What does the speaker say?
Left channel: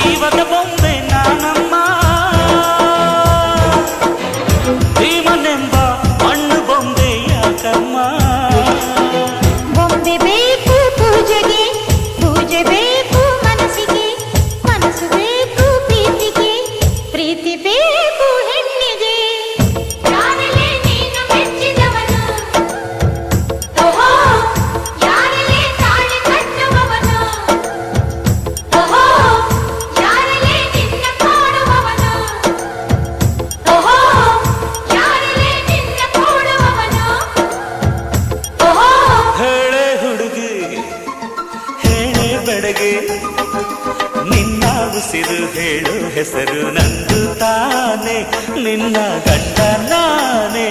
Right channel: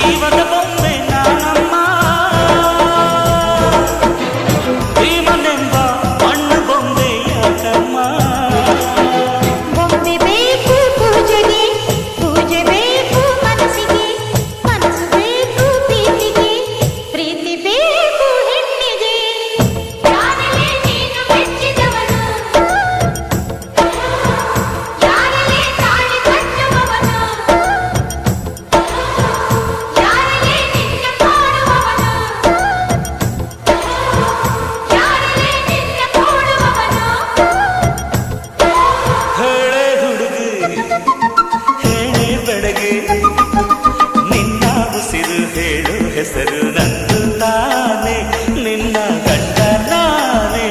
ಜೀವದ ಬೊಂಬೆ ನಾನಮ್ಮ ಭೀಮನೆಂಬ ಮಣ್ಣು ಬೊಂಬೆ ಯಾಕಮ್ಮ ಬೊಂಬೆ ಬೇಕು ಪೂಜೆಗೆ ಪೂಜೆ ಬೇಕು ಮನಸ್ಸಿಗೆ ಮನಸ್ಸು ಬೇಕು ಪ್ರೀತಿಗೆ ಪ್ರೀತಿ ಬೇಕು ಹೆಣ್ಣಿಗೆ ಯಾರಲ್ಲೇ ನೀನು ಮೆಚ್ಚಿದವನು ಯಾರಲ್ಲೇ ತಾಳಿ ಕಟ್ಟುವವನು ಯಾರಲ್ಲೇ ನಿನ್ನ ಕಾಡುವವನು ಯಾರಲ್ಲೇ ನಿನ್ನ ಕೂಡುವವನು ಹೇಳೆ ಹುಡುಗಿ ಹೇಳೆ ಬೆಡಗೆ ನಿನ್ನ ಉಸಿರು ಹೇಳು ಹೆಸರು ನಂದು ತಾನೆ ನಿನ್ನ ಗಂಡ ನಾನೇ